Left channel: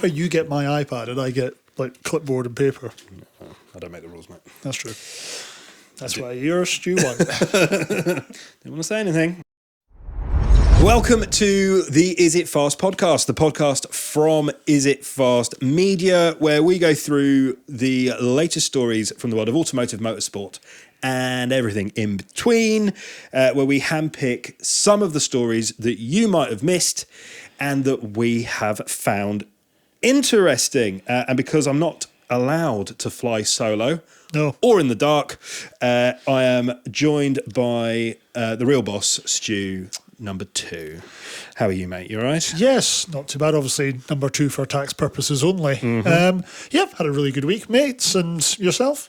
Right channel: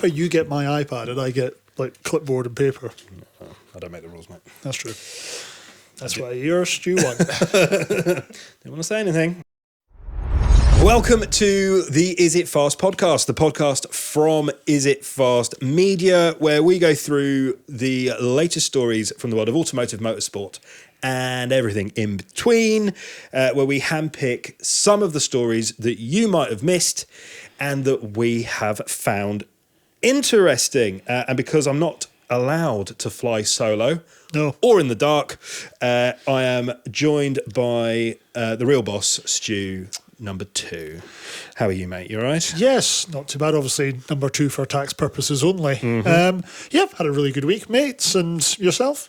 Why don't you get my iPad and I get like clipboard and paper? I don't make the rules, mate. That's I do. right. Yours, Stuart. Don't want to say anything. Welcome to the Is It Fast podcast, the podcast from Is It Fast Media, where we go through the latest stories from the world of automotive motorsport and everything in between, where we handpick some of the stories that you might have missed and that we have found interesting. And because I'm not allowed to fly solo or in the dark, I am joined by the real boss, Stu. Number 2. How are you, mate? You all right? Yes, not too bad. Obviously, number 2 for tax purposes only. Yeah, had a really good week, mate. And yourself?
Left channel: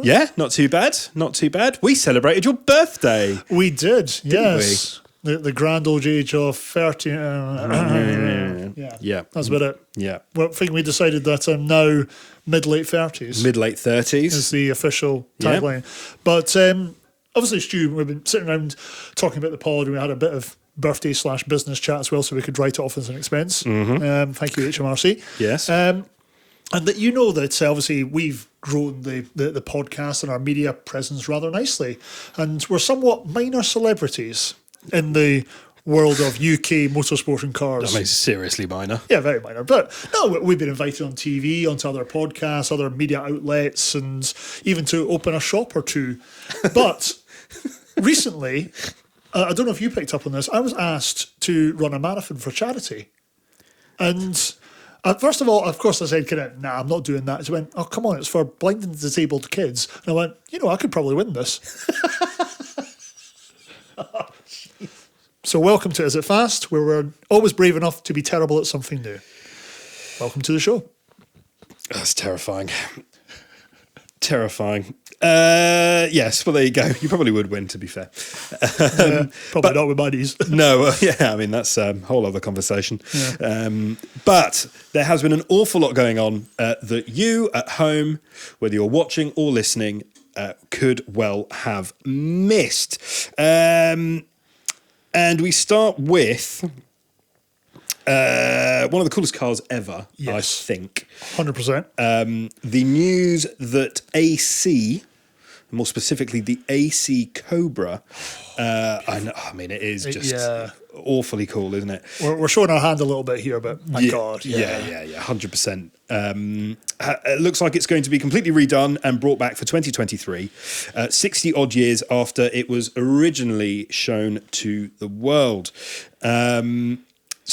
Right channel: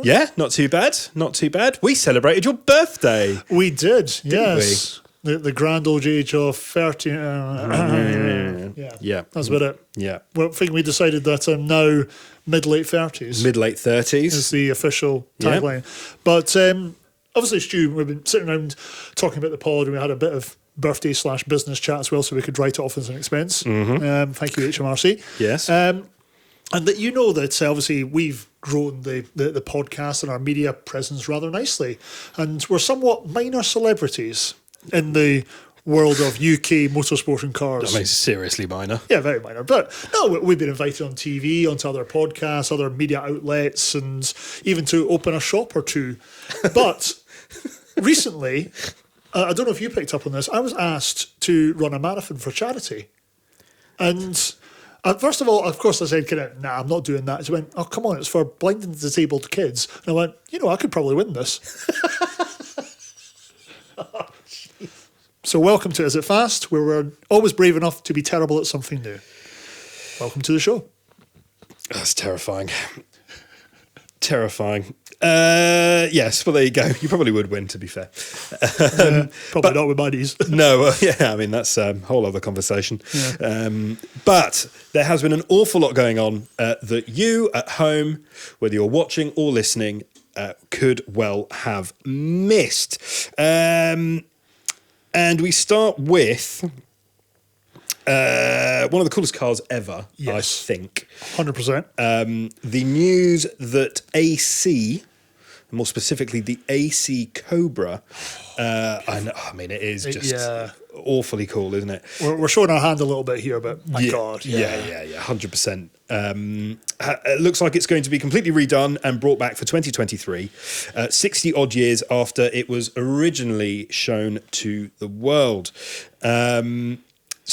Yeah, not too bad. Not too bad. We celebrated your birthday. We did. Didn't we? The grand old age of 30. Yeah. That's about it. Yeah. Well, I think we decided that I'm now mid-late 30s. Mid-late 30s. Is the official Yeah. plan. But obviously, Stu, we've been sitting around talking about the pod, and we had a bit of birthday/business chat as well, so we could write off with friends. Thank you, HMRC. Yes. And that you know that obviously we've grown the podcast and our media presence rather nicely, and we're somewhat minor celebrities in the world of UK motorsport and cars. I mean, seriously minor. Yeah, very minor. But we've been invited on TV, onto other podcasts, other media outlets, and even to open a shop or two. But recently, and I don't know if you picked up on this, I was asked to run a marathon for charity. And first of all, of course, I said, nah, I'm not doing that. So I went, oh, come on, it's for blind and disabled kids. And I went, I could probably win this. Oh, jeez. So welcome to Is It Fast, where we're always brave enough to be terrible at something new. Welcome to the show. That's terrifying. Terrifying. Yes, well, there you go. You probably would win, to be fair. But no, I mean, that's a whole other conversation. But there has been an awful lot going on that you at home, whether you're watching or listening, could well have missed. And we start with one of the coolest cars ever, I think. 100%. The news that AC, more specifically the AC Cobra, I mean, it is just awfully cool, isn't it? We're showing our hand a little bit here. But Yeah, 100%. It looks like it's going to be completely redone and brought back for 2023, 60 odd years after it was originally shown to the world. So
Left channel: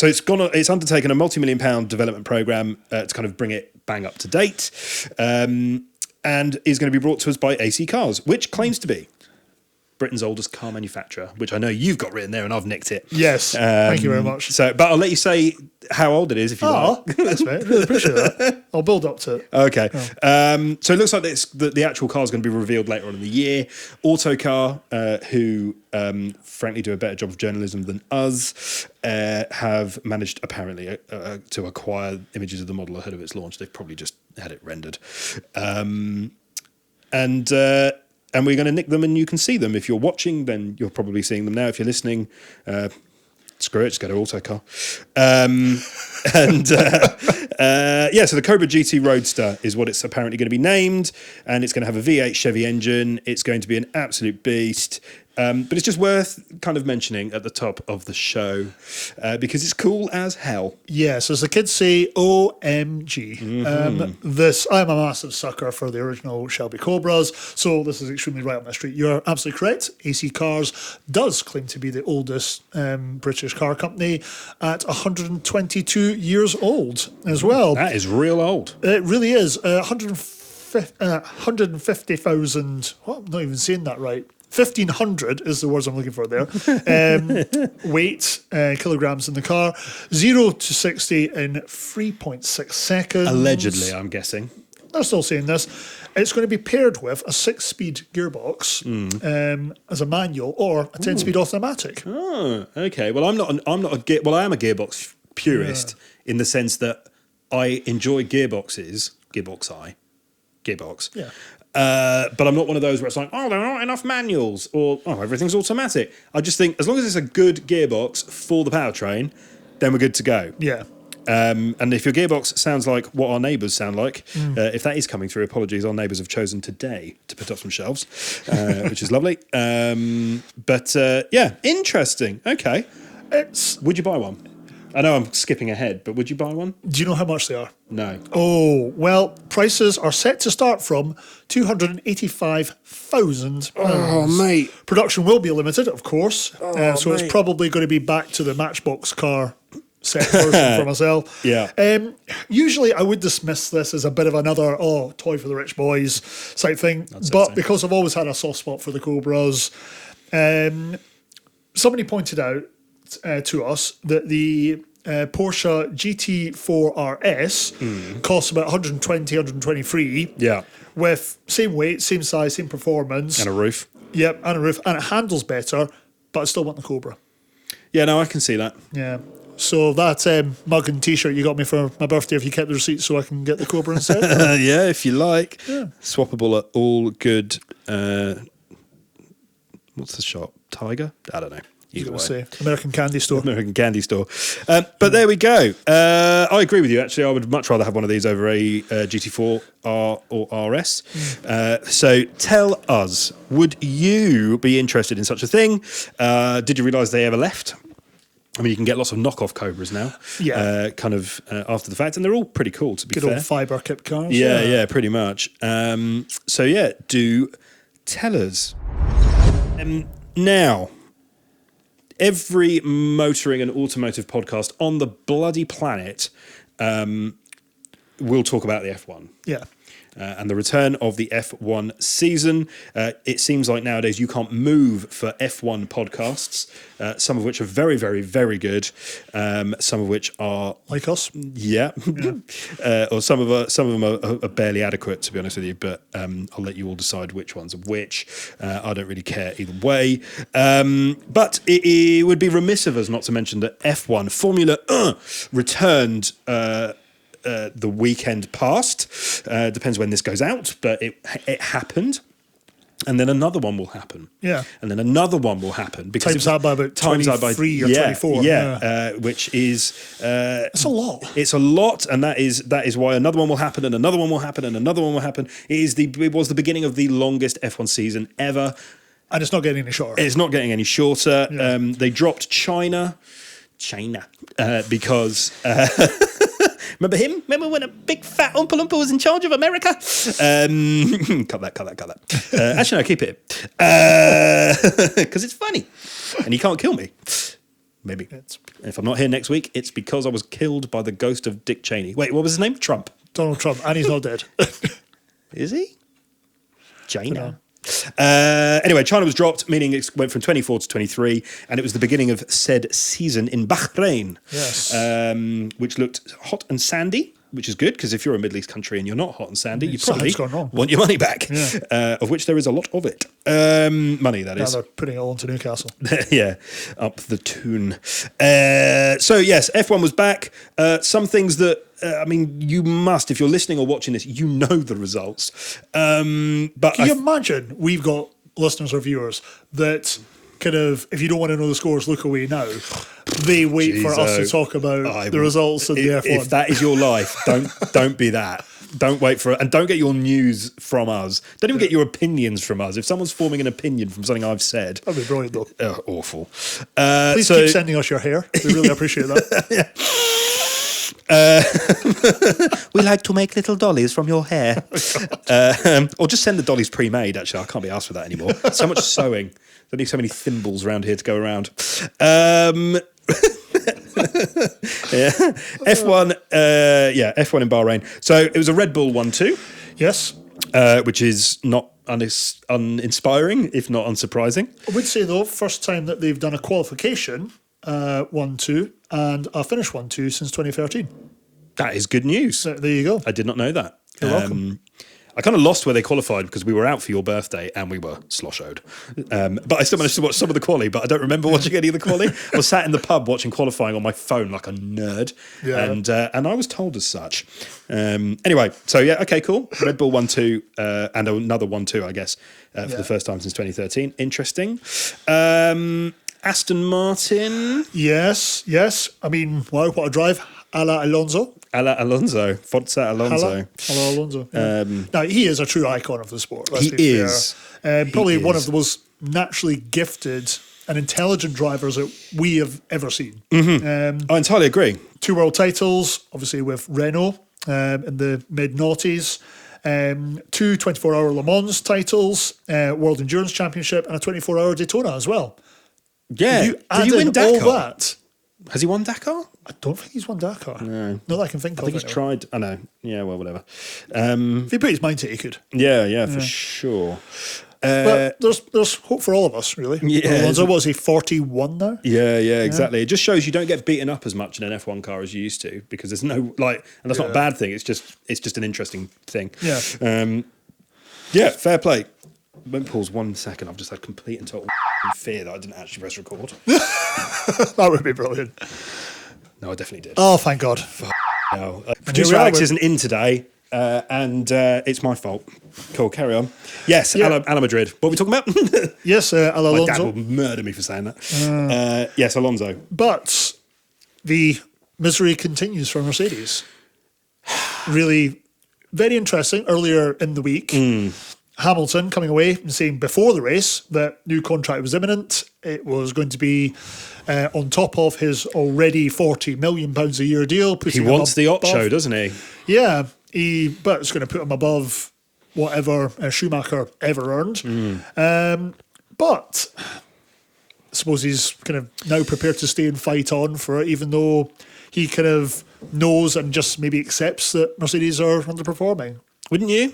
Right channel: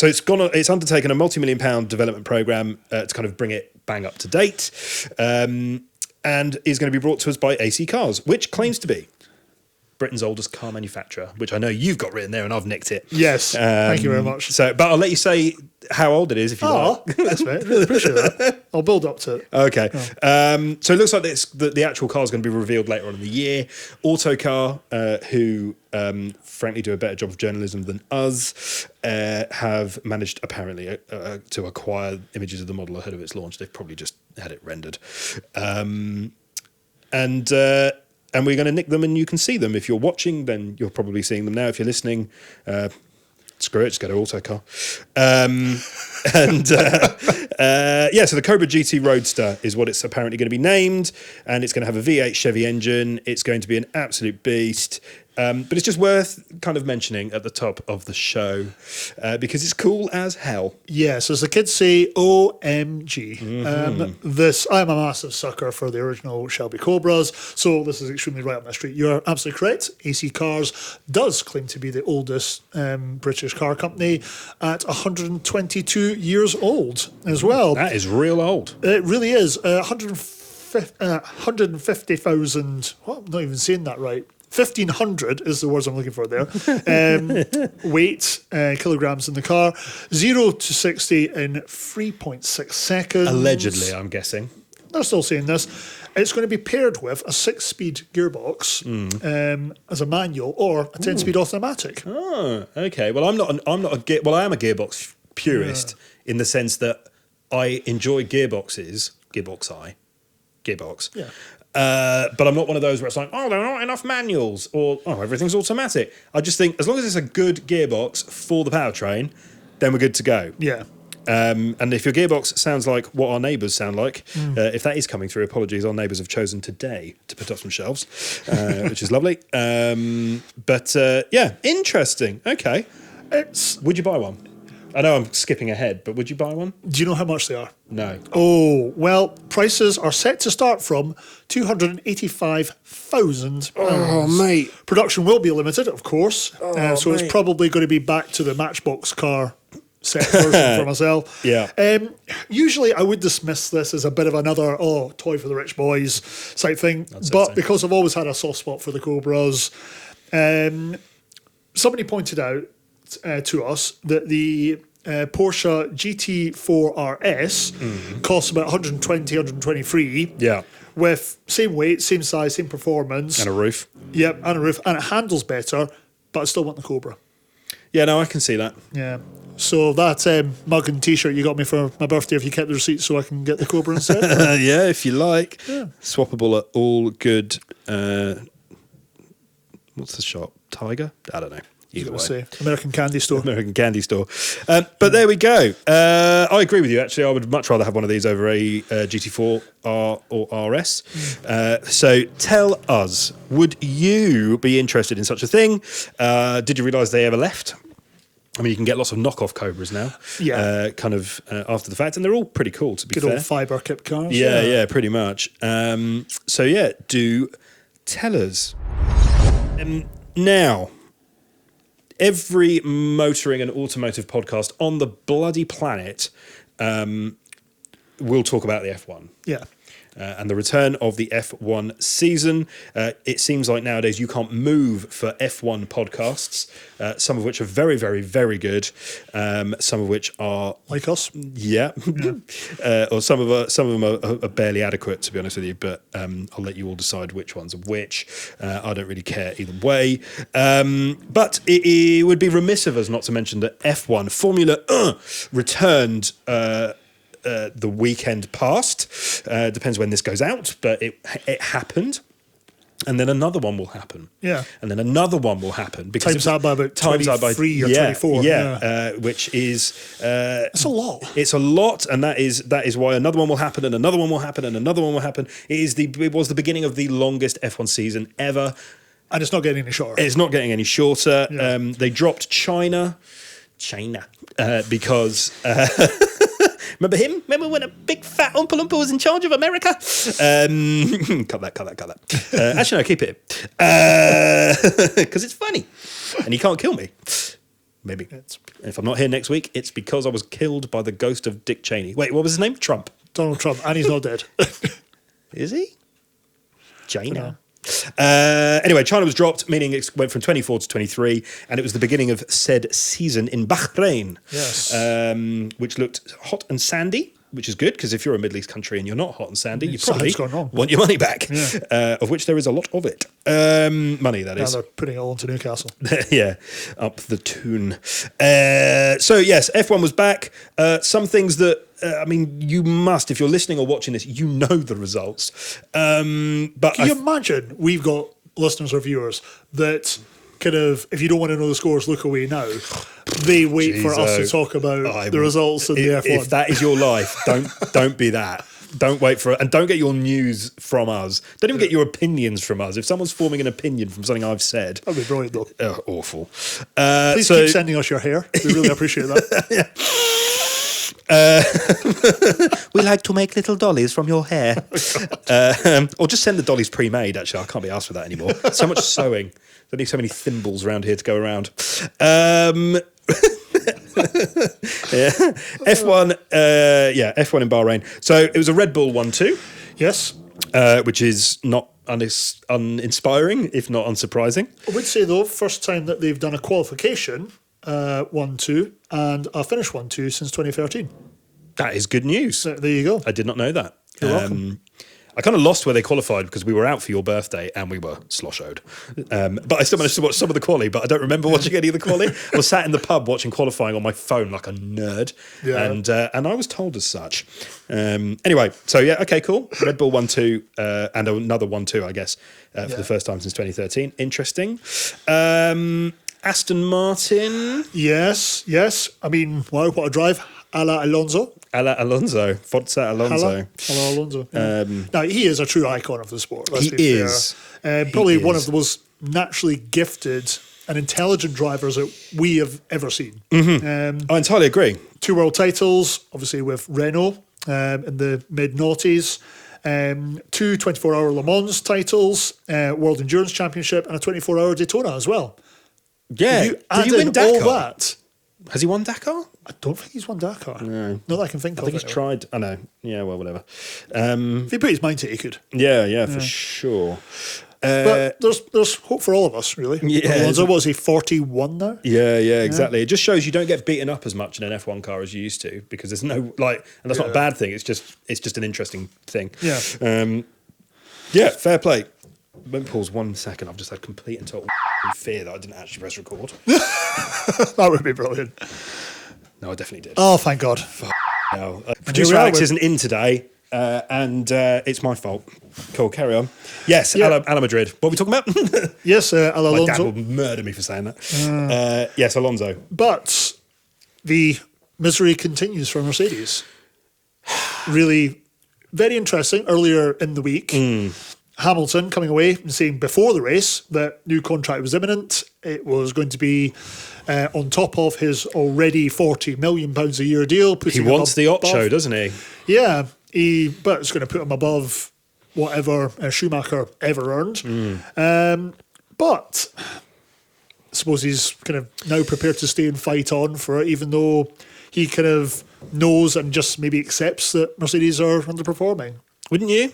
it's undertaken a multi-million pound development program to kind of bring it bang up to date, and is going to be brought to us by AC Cars, which claims to be Britain's oldest car manufacturer, which I know you've got written there and I've nicked it. Yes, But I'll let you say how old it is if you like. I'll build up to it. Okay. So it looks like the actual car is going to be revealed later on in the year. Autocar, who frankly do a better job of journalism than us, have managed apparently to acquire images of the model ahead of its launch. They've probably just had it rendered. And we're going to nick them and you can see them. If you're watching, then you're probably seeing them now. If you're listening, screw it, just go to Autocar. So the Cobra GT Roadster is what it's apparently going to be named, and it's going to have a V8 Chevy engine. It's going to be an absolute beast. But it's just worth kind of mentioning at the top of the show because it's cool as hell. Yes, as the kids say, OMG. I'm a massive sucker for the original Shelby Cobras, so this is extremely right on the street. You're absolutely correct. AC Cars does claim to be the oldest British car company at 122 years old as well. That is real old. It really is. 150,000, I'm not even saying that right. 1,500 is the words I'm looking for there. Weight, kilograms in the car. 0 to 60 in 3.6 seconds. Allegedly, I'm guessing. I'm still saying this. It's going to be paired with a 6-speed gearbox as a manual or a 10-speed automatic. Oh, okay. Well, I am a gearbox purist in the sense that I enjoy gearboxes. But I'm not one of those where it's like, oh, there are not enough manuals or, oh, everything's automatic. I just think as long as it's a good gearbox for the powertrain, then we're good to go. Yeah. And if your gearbox sounds like what our neighbours sound like, if that is coming through, apologies. Our neighbours have chosen today to put up some shelves, which is lovely. But interesting. Okay. Would you buy one? I know I'm skipping ahead, but would you buy one? Do you know how much they are? No. Oh, well, prices are set to start from 285,000. Oh, mate. Production will be limited, of course. Oh, so mate. It's probably going to be back to the Matchbox car. Myself. Yeah. Usually I would dismiss this as a bit of another, toy for the rich boys type thing. I'd say but so. because I've always had a soft spot for the Cobras, somebody pointed out to us that the Porsche GT4 RS costs about 120, 123. Yeah. With same weight, same size, same performance. And a roof. Yeah, and a roof. And handles better, but it's still not the Cobra. Yeah, no, I can see that. Yeah. So that mug and t-shirt you got me for my birthday, if you get the receipt so I can get the Cobra. Yeah, if you like. Swappable at all good. What's the shop? Tiger? I don't know. Either way. American Candy Store. But there we go. I agree with you, actually. I would much rather have one of these over a GT4 R or RS. So tell us, would you be interested in such a thing? Did you realise they ever left? I mean, you can get lots of knockoff Cobras now, after the fact, and they're all pretty cool, to be fair. Yeah, pretty much. Do tell us. Now, every motoring and automotive podcast on the bloody planet will talk about the F1. Yeah. And the return of the F1 season. It seems like nowadays you can't move for F1 podcasts, some of which are very, very, very good. Some of which are, or some of them are barely adequate, to be honest with you. But I'll let you all decide which ones are which. I don't really care either way. But it would be remiss of us not to mention that F1 Formula returned. The weekend past. Depends when this goes out, but it happened. And then another one will happen. Yeah. And then another one will happen because it was times out by which is it's a lot, and that is why another one will happen, and another one will happen, and another one will happen. It was the beginning of the longest F1 season ever. And it's not getting any shorter. It's not getting any shorter. They dropped China, because remember him? Remember when a big fat Oompa Loompa was in charge of America? Cut that. Actually, no, keep it. Because it's funny. And he can't kill me. Maybe. If I'm not here next week, it's because I was killed by the ghost of Dick Cheney. Wait, what was his name? Trump. Is he? China. Anyway, China was dropped, meaning it went from 24 to 23, and it was the beginning of said season in Bahrain, which looked hot and sandy, which is good, because if you're a Middle East country and you're not hot and sandy, you probably want your money back, of which there is a lot of it. Money, that is. Yeah, up the tune. So yes, F1 was back. Some things that you must, if you're listening or watching this, you know the results. But I imagine we've got listeners or viewers that kind of, if you don't want to know the scores, look away now. They wait for us to talk about the results. If that is your life, don't be that. Don't wait for it, and don't get your news from us. Don't even get your opinions from us. If someone's forming an opinion from something I've said, awful. We like to make little dollies from your hair, or just send the dollies pre-made. Actually, I can't be asked for that anymore. So much sewing. There need so many thimbles around here to go around. F1 in Bahrain. So it was a Red Bull 1-2. Yes. Which is not uninspiring, if not unsurprising. I would say, though, first time that they've done a qualification 1-2 and a finish 1-2 since 2013. That is good news. There you go. I did not know that. I kind of lost where they qualified because we were out for your birthday and we were sloshoed. But I still managed to watch some of the quali, but I don't remember watching any of the quali. I was sat in the pub watching qualifying on my phone like a nerd, and I was told as such. Anyway, so yeah, okay, cool. Red Bull 1-2 and another 1-2, I guess, for the first time since 2013. Interesting. Aston Martin. Yes. I mean, what a drive. a la Alonso. Alonso. Forza Alonso. He is a true icon of the sport. He is. He probably is. one of the most naturally gifted and intelligent drivers that we have ever seen. I entirely agree. 2 world titles, obviously with Renault in the mid-noughties. 2 24-hour Le Mans titles, World Endurance Championship, and a 24-hour Daytona as well. Yeah. Did he win All Dakar? that, Has he won Dakar? I don't think he's won Dakar. No. No, I can think I think he's tried. I know. Yeah, well, whatever. He put his mind to it, he could. Yeah, for sure. There's hope for all of us, really. Yeah, isn't Was he 41 now? Yeah, exactly. It just shows you don't get beaten up as much in an F1 car as you used to, because there's no and that's not a bad thing. It's just an interesting thing. Fair play. Won't pause 1 second. I've just had complete and total fear that I didn't actually press record. No, I definitely did. Oh my God. Fuck no. Producer Alex isn't in today, and it's my fault. Cool, carry on. Yes, Ala Madrid. What are we talking about? Yes, My dad will murder me for saying that. Yes, Alonso. But the mystery continues from the series. Really very interesting. Earlier in the week, Hamilton coming away and saying before the race that new contract was imminent. It was going to be on top of his already £40 million a year deal. He wants the Ocho, doesn't he? Yeah, but it's going to put him above whatever Schumacher ever earned. But I suppose he's kind of now prepared to stay and fight on for it, even though he kind of knows and just maybe accepts that Mercedes are underperforming. Wouldn't you?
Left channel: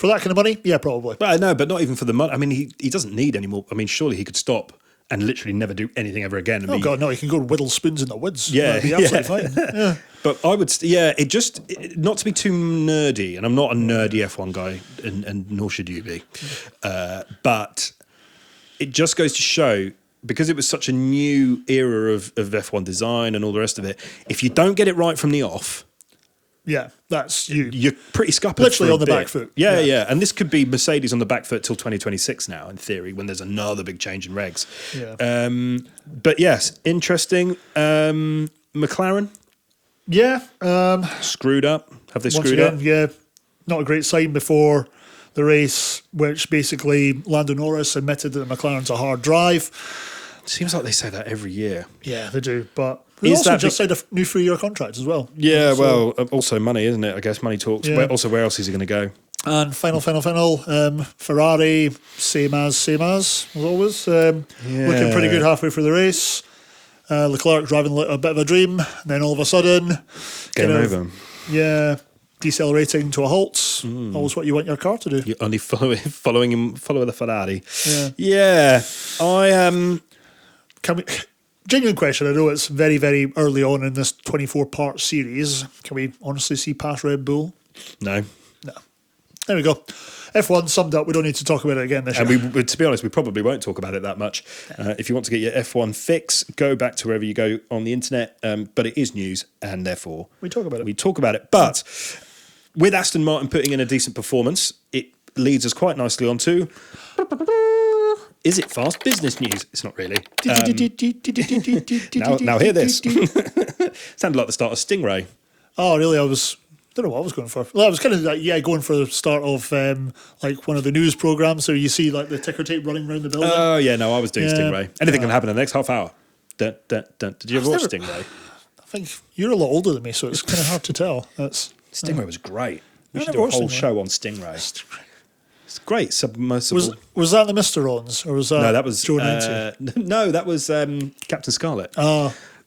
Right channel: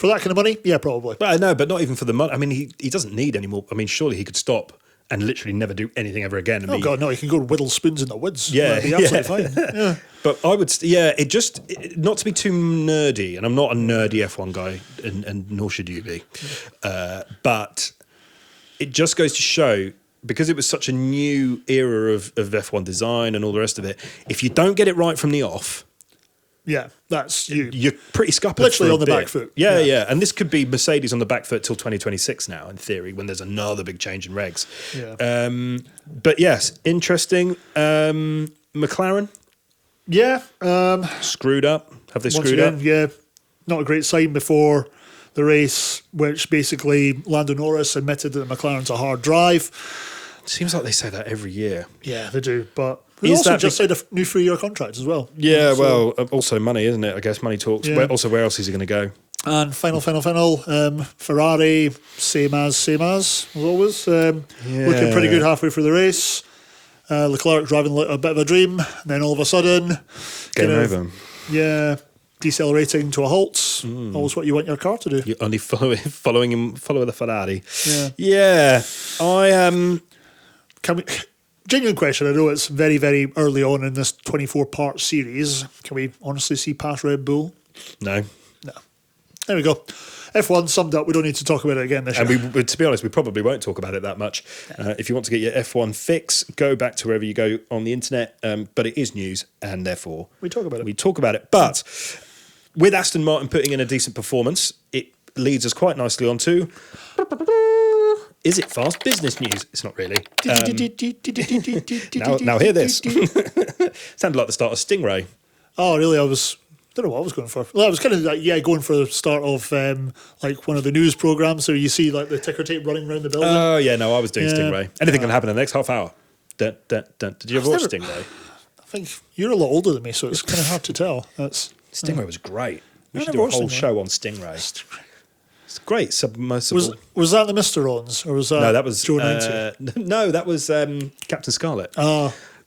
For that kind of money? Yeah, probably. Well, no, but not even for the money. I mean, he doesn't need any more. I mean, surely he could stop and literally never do anything ever again and be... No, he can go whittle spoons in the woods. Yeah. But I would... not to be too nerdy, and I'm not a nerdy F1 guy, and nor should you be, but it just goes to show, because it was such a new era of F1 design and all the rest of it, if you don't get it right from the off... You're pretty scuppered for a bit. Yeah. And this could be Mercedes on the back foot till 2026 now, in theory, when there's another big change in regs. But yes, interesting. McLaren? Yeah. Screwed up? Have they screwed up? Yeah. Not a great sign before the race, which basically Lando Norris admitted that McLaren's a hard drive. Seems like they say that every year. Yeah, they do. But is that just signed a new 3-year contract as well? Yeah, well, also money, isn't it? I guess money talks. Yeah. Where else is he going to go? And final, Ferrari, same as always. Yeah. Halfway through the race, Leclerc having a bit of a dream, and then all of a sudden... Game over. Yeah, decelerating to a halt. That's what you want your car to do. You only follow the Ferrari. Yeah, Genuine question, I know it's very, very early on in this 24-part series. Can we honestly see past Red Bull? No. There we go. F1 summed up, we don't need to talk about it again. And to be honest, we probably won't talk about it that much. If you want to get your F1 fix, go back to wherever you go on the internet. But it is news, and therefore we talk about it. But with Aston Martin putting in a decent performance, it leads us quite nicely on to... Is it fast business news? It's not really. Now hear this. Sounded like the start of Stingray. Oh, really? I was going for. Well, I was kind of going for the start of like one of the news programs. So you see like the ticker tape running around the building. Oh yeah, no, I was doing Stingray. Anything can happen in the next half hour. Dun, dun, dun. Did you ever watch Stingray? You're a lot older than me, so it's hard to tell. Stingray was great. We should do a whole show on Stingray. It's great, submersible. Was that a Mr. Owens? No, that was Captain Scarlet.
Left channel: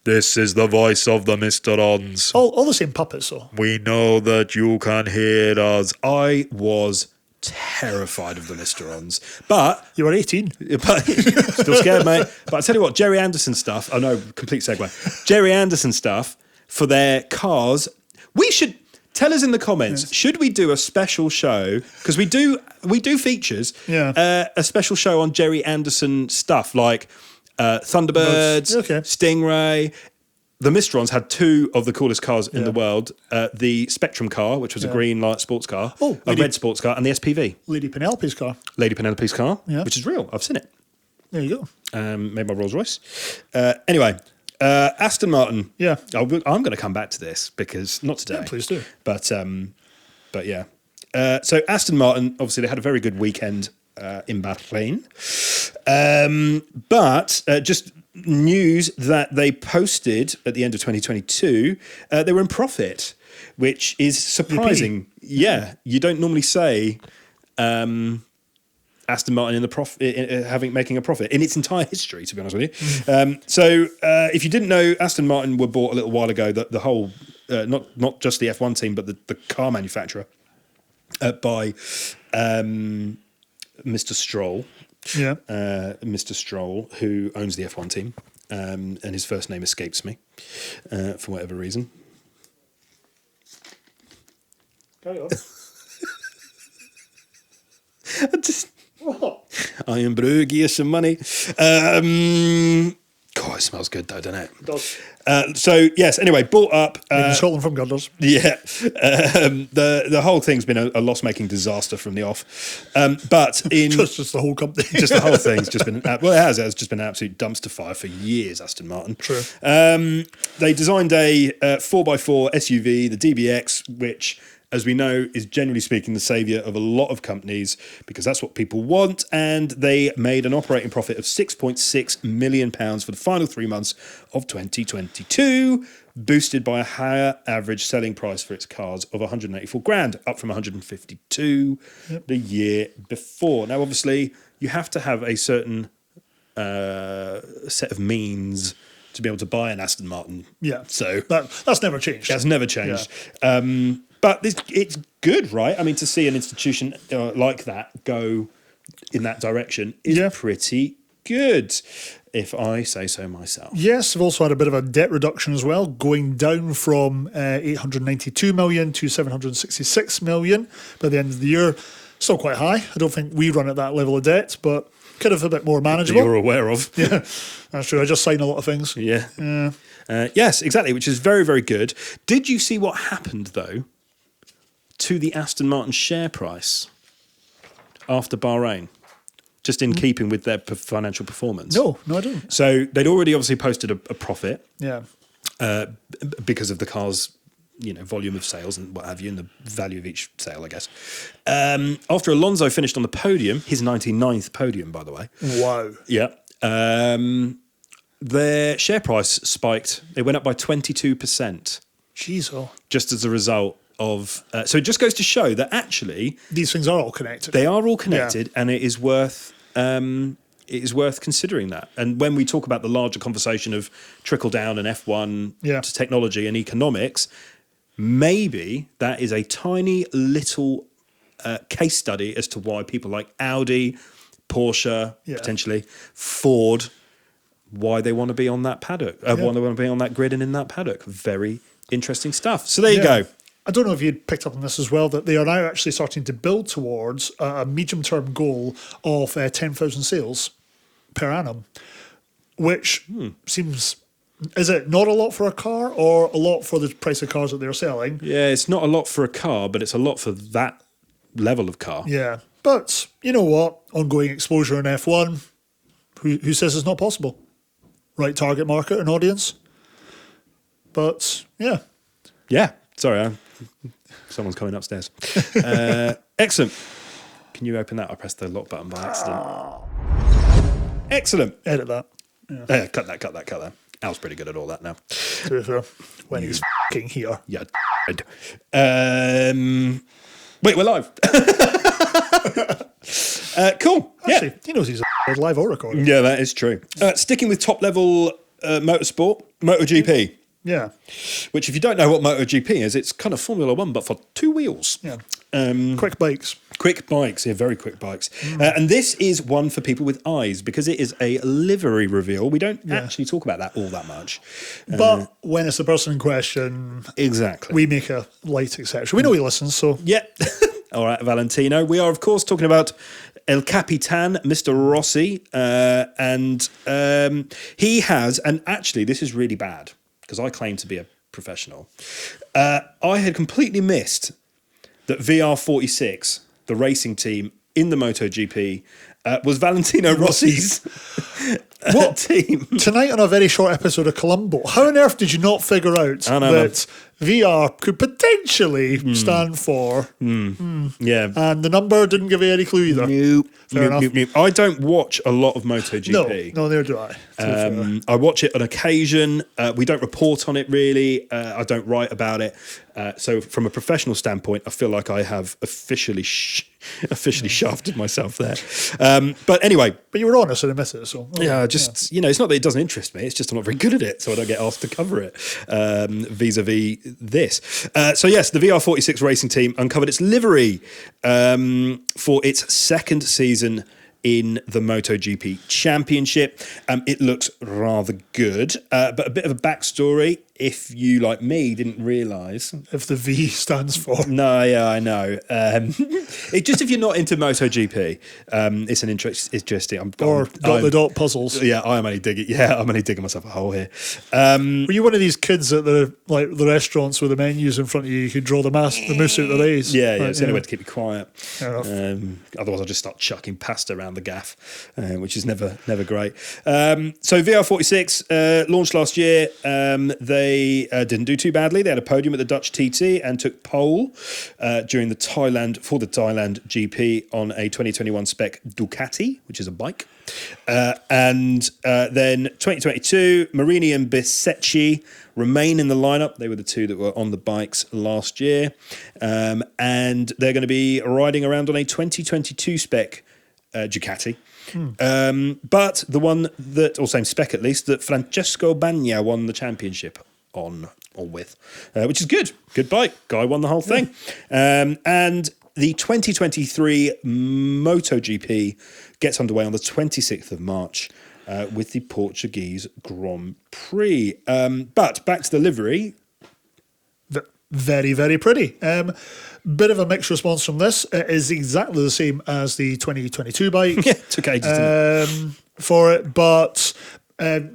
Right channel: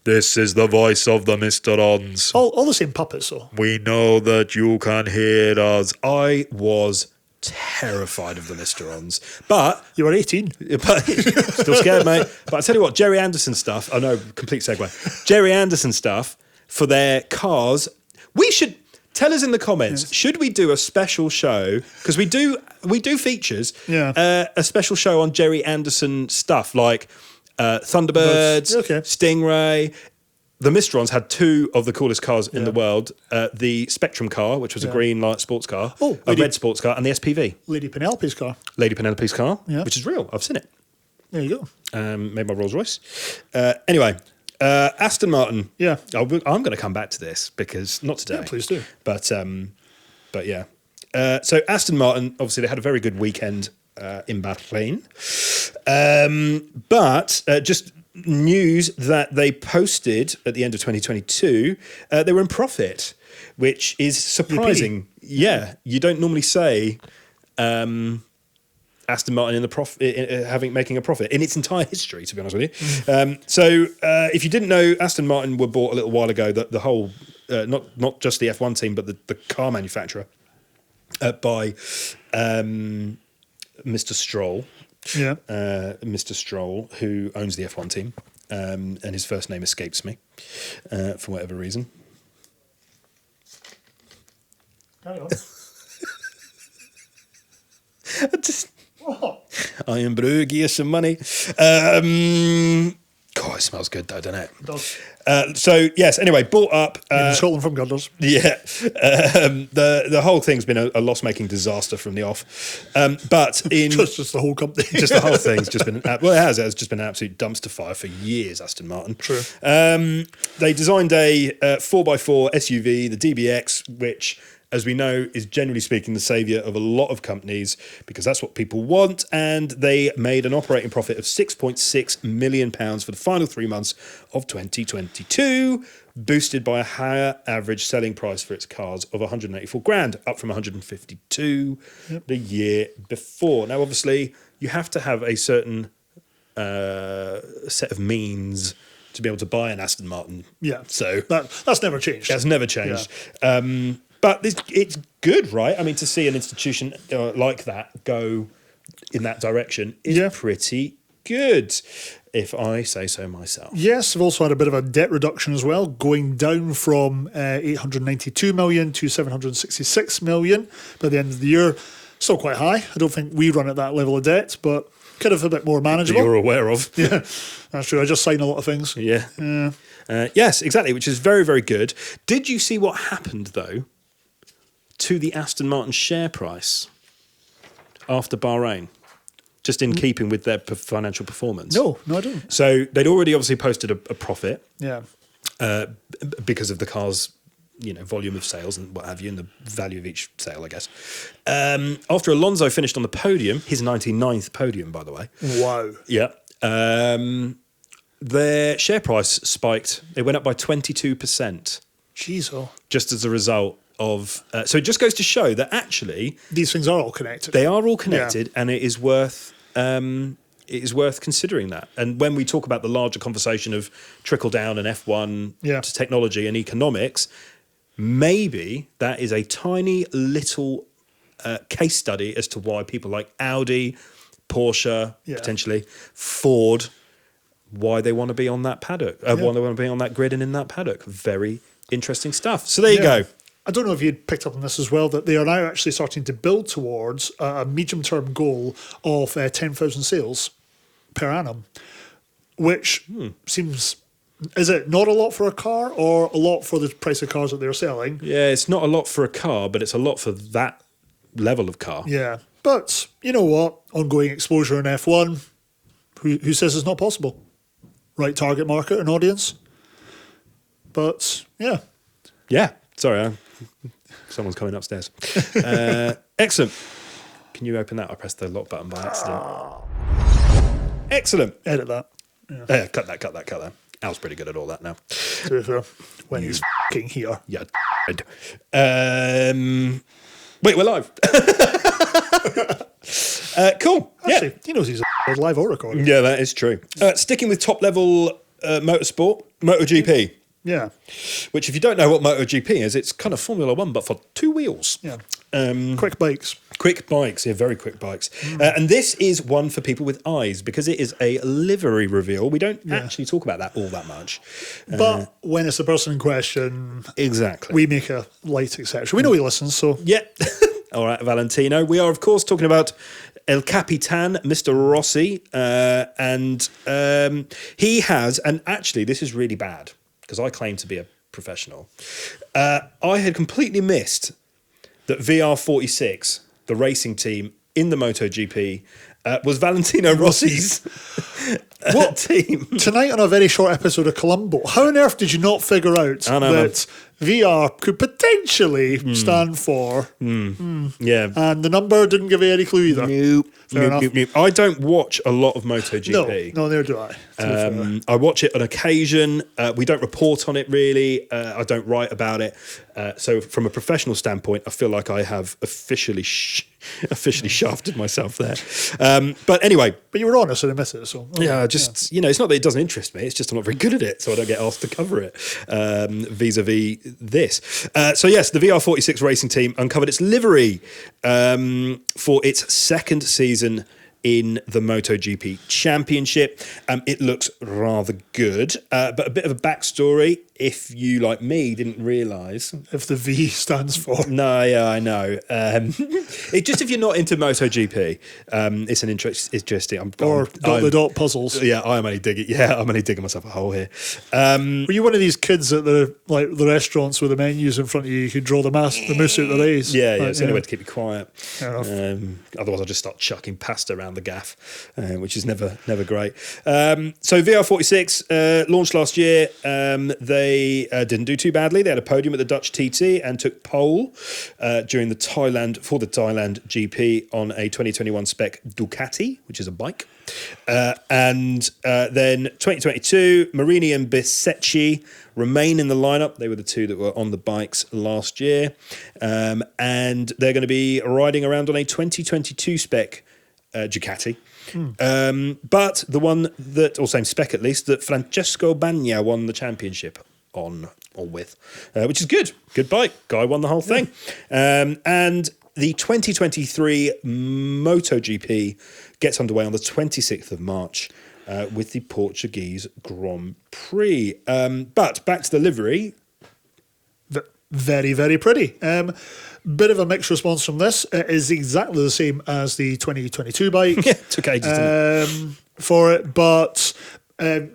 This is the voice of the Mr. Ons. Always in puppets, though. We know that you can hear us. I was terrified of the Mr. Ons, but still scared, mate. But I tell you what, Jerry Anderson stuff. Oh no, complete segue. Jerry Anderson stuff for their cars. We should. Tell us in the comments, should we do a special show? Because we do features, a special show on Jerry Anderson stuff, like Thunderbirds, Stingray. The Mistrons had 2 of the coolest cars in the world. The Spectrum car, which was a green light sports car, a red sports car, and the SPV. Lady Penelope's car, which is real. I've seen it. Made by Rolls-Royce. Anyway, Aston Martin. Yeah. I'm going to come back to this because not today, but yeah. So Aston Martin, obviously, they had a very good weekend in Bahrain, but just news that they posted at the end of 2022, they were in profit, which is surprising. Yeah, you don't normally say. Aston Martin in the making a profit in its entire history, to be honest with you. So if you didn't know, Aston Martin were bought a little while ago. The whole, not just the F1 team, but the car manufacturer by Mr. Stroll, Mr. Stroll, who owns the F1 team, and his first name escapes me for whatever reason. Carry on. I am bruggy some money. God, it smells good though, doesn't it? So yes. Anyway, bought up. Yeah, the whole thing's been a loss-making disaster from the off. But in just the whole thing's just been it has just been an absolute dumpster fire for years. Aston Martin. They designed a 4x4 SUV, the DBX, which, as we know, is generally speaking the saviour of a lot of companies because that's what people want. And they made an operating profit of £6.6 million for the final 3 months of 2022, boosted by a higher average selling price for its cars of 184 grand, up from 152 the year before. Now, obviously, you have to have a certain set of means to be able to buy an Aston Martin. Yeah. So that's never changed. That's never changed. Yeah. But it's good, right? I mean, to see an institution like that go in that direction is pretty good, if I say so myself. Yes, we've also had a bit of a debt reduction as well, going down from 892 million to 766 million for the end of the year. Still quite high. I don't think we run at that level of debt, but it is a bit more manageable. That you're aware of. That's right, they're trying a lot of things. Yeah. Yes, exactly, which is very, very good. Did you see what happened, though, to the Aston Martin share price after Bahrain, just in keeping with their financial performance? No. So they'd already obviously posted a profit Yeah. because of the car's volume of sales and what have you, and the value of each sale, I guess. After Alonso finished on the podium, his 99th podium, by the way. Wow. Yeah. Their share price spiked. It went up by 22%, just as a result of. So it just goes to show that actually These things are all connected. they are all connected, and it is worth considering that. And when we talk about the larger conversation of trickle down and F1 to technology and economics, maybe that is a tiny little case study as to why people like Audi, Porsche, potentially Ford, why they want to be on that paddock, why they want to be on that grid and in that paddock. Very interesting stuff. So there you go. I don't know if you picked up on this as well, but they are now actually starting to build towards a medium-term goal of 10,000 sales per annum, which seems, is it not a lot for a car or a lot for the price of cars that they're selling? Yeah, it's not a lot for a car, but it's a lot for that level of car. Yeah, but you know what? Ongoing exposure in F1, who says it's not possible? Right target market and audience. But, yeah. Yeah, sorry, someone's coming upstairs. Excellent. Can you open that? I pressed the lock button by accident. Excellent. Cut that. Al's pretty good at all that now. You. Yeah. Wait, we're live. Cool. Yeah. Yeah, that is true. Sticking with top level motorsport, MotoGP. Yeah. Which, if you don't know what MotoGP is, it's kind of Formula One, but for two wheels. Quick bikes, yeah, very quick bikes. And this is one for people with eyes because it is a livery reveal. We don't actually talk about that all that much. When it's a person question, exactly. you need to like success. We really listen, so. Yeah. All right, Valentino. We are, of course, talking about El Capitan, Mr. Rossi. And he has, and actually, this is really bad because I claim to be a professional. I had completely missed that VR46, the racing team in the MotoGP, was Valentino Rossi's team. Tonight on a very short episode of Columbo, how on earth did you not figure out I know, man. VR could potentially stand for? Yeah. And the number didn't give any clues. Nope. I don't watch a lot of MotoGP. No, neither do I. I watch it on occasion. We don't report on it really. I don't write about it. So from a professional standpoint, I feel like I have officially shafted myself there. But anyway. But you're wrong, so you missed it. So. Yeah, just, it's not that it doesn't interest me. It's just I'm not very good at it, so I don't get asked to cover it vis-a-vis this. So yes, the VR46 racing team uncovered its livery for its second season in the MotoGP Championship. It looks rather good, but a bit of a backstory. If you, like me, didn't realise. No, yeah, I know. It just if you're not into MotoGP, it's an interesting. I am only digging. Yeah, I'm only digging myself a hole here. You're one of these kids at the restaurants with the menus in front of you. You can draw them out. Yeah, it's the only way to keep me quiet. Otherwise, I'll just start chucking pasta around the gaff, which is never great. So VR46 launched last year. They didn't do too badly. They had a podium at the Dutch TT and took pole during the Thailand GP on a 2021 spec Ducati, which is a bike. And then 2022, Marini and Bisecchi remain in the lineup. They were the two that were on the bikes last year. And they're going to be riding around on a 2022 spec Ducati. But the one that, or same spec at least, that Francesco Bagna won the championship on or with, which is good. Good bike. Guy won the whole thing. And the 2023 MotoGP gets underway on the 26th of March with the Portuguese Grand Prix. But back to the livery. Very, very pretty. Bit of a mixed response from this. It is exactly the same as the 2022 bike. Yeah, it took ages, didn't it? For it, but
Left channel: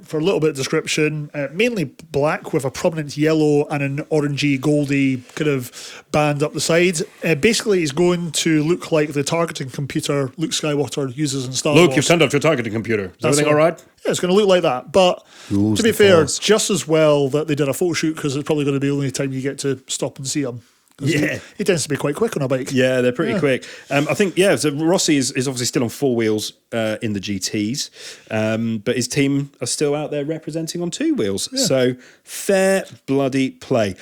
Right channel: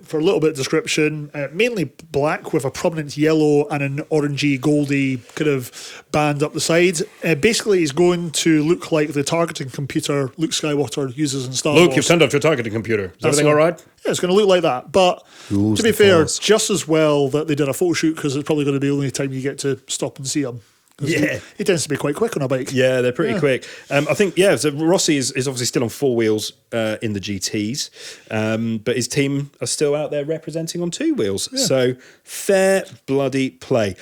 for a little bit of description, mainly black with a prominent yellow and an orangey, goldy kind of band up the side. Basically, it's going to look like the targeting computer Luke Skywalker uses. Luke, you've turned off your targeting computer. Is everything all right? It's going to look like that, but use the force. Just as well that they did a full shoot because it's probably going to be the only time you get to stop and see them. Yeah. He gets to be quite quick on a bike. Yeah, they're pretty quick. I think, so Rossi is obviously still on four wheels in the GTs, but his team are still out there representing on two wheels. So fair bloody play.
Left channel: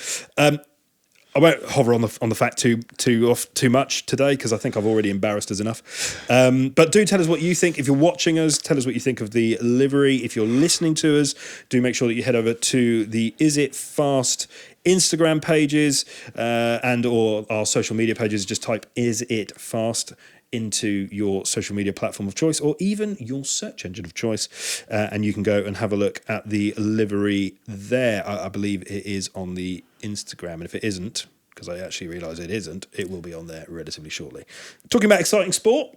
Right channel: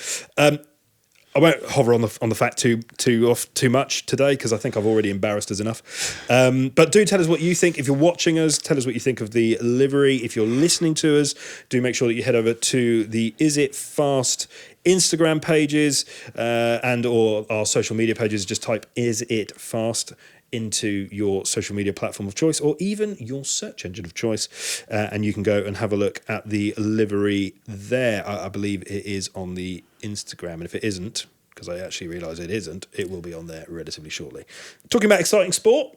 I won't hover on the fact too much today because I think I've already embarrassed us enough. But do tell us what you think. If you're watching us, tell us what you think of the livery. If you're listening to us, do make sure that you head over to the Is It Fast Instagram pages and or our social media pages. Just type Is It Fast into your social media platform of choice or even your search engine of choice, and you can go and have a look at the livery there. I believe it is on the Instagram, and if it isn't, because I actually realise it isn't, it will be on there relatively shortly. Talking about exciting sport,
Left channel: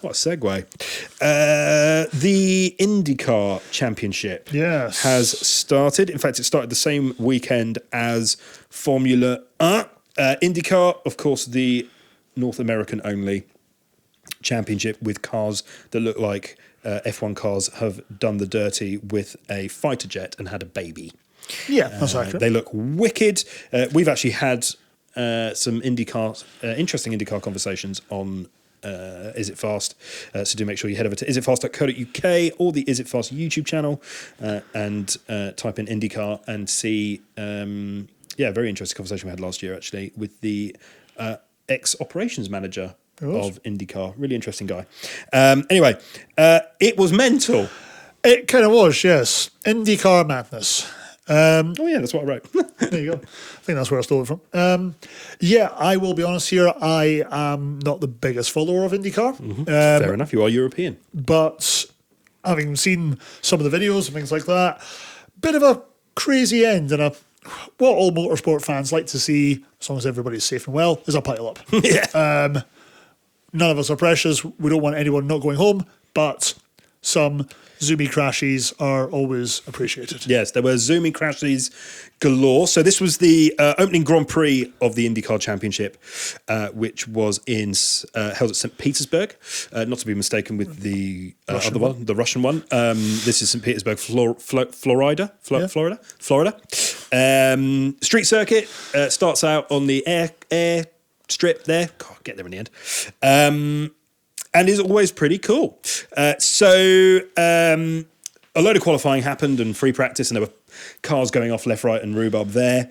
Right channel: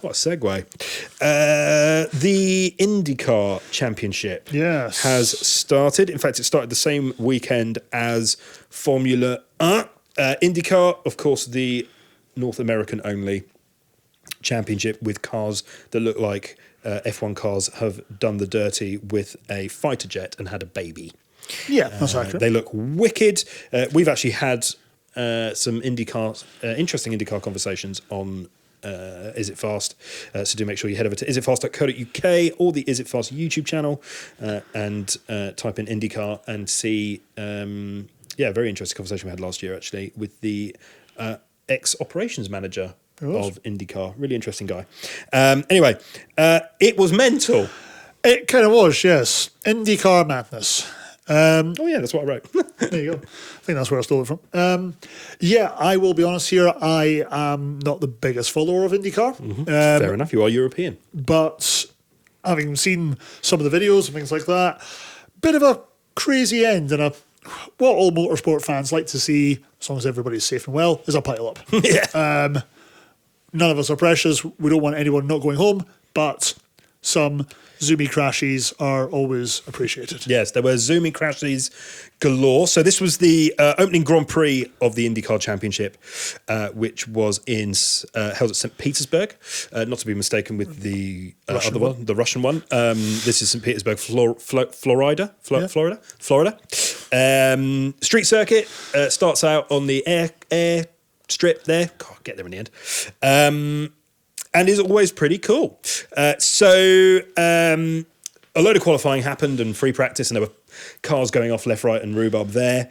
what a segue. The IndyCar Championship has started. In fact, it started the same weekend as Formula 1. IndyCar, of course, the North American only championship with cars that look like F1 cars have done the dirty with a fighter jet and had a baby. They look wicked. We've actually had some interesting IndyCar conversations on Is It Fast. So do make sure you head over to isitfast.co.uk or the Is It Fast YouTube channel and type in IndyCar and see, very interesting conversation we had last year actually with the ex-operations manager of IndyCar. Really interesting guy. Anyway, it was mental. It kind of was, yes. IndyCar madness. That's what I wrote. There you go. I think that's where I thought from. I will be honest here. I am not the biggest follower of IndyCar. Mm-hmm. Fair enough. You are European. But having seen some of the videos and things like that, bit of a crazy end, and what all motorsport fans like to see, as long as everybody's safe and well, is a pile up. Yeah. None of us are precious. We don't want anyone not going home, but some zoomy crashes are always appreciated. Yes, there were zoomy crashes galore. So this was the opening Grand Prix of the IndyCar Championship, which was held at St. Petersburg, not to be mistaken with the other one, the Russian one. This is St. Petersburg, Florida. Street circuit starts out on the air strip there. God, get there in the end. And is always pretty cool. A load of qualifying happened and free practice, and there were cars going off left, right, and rhubarb there,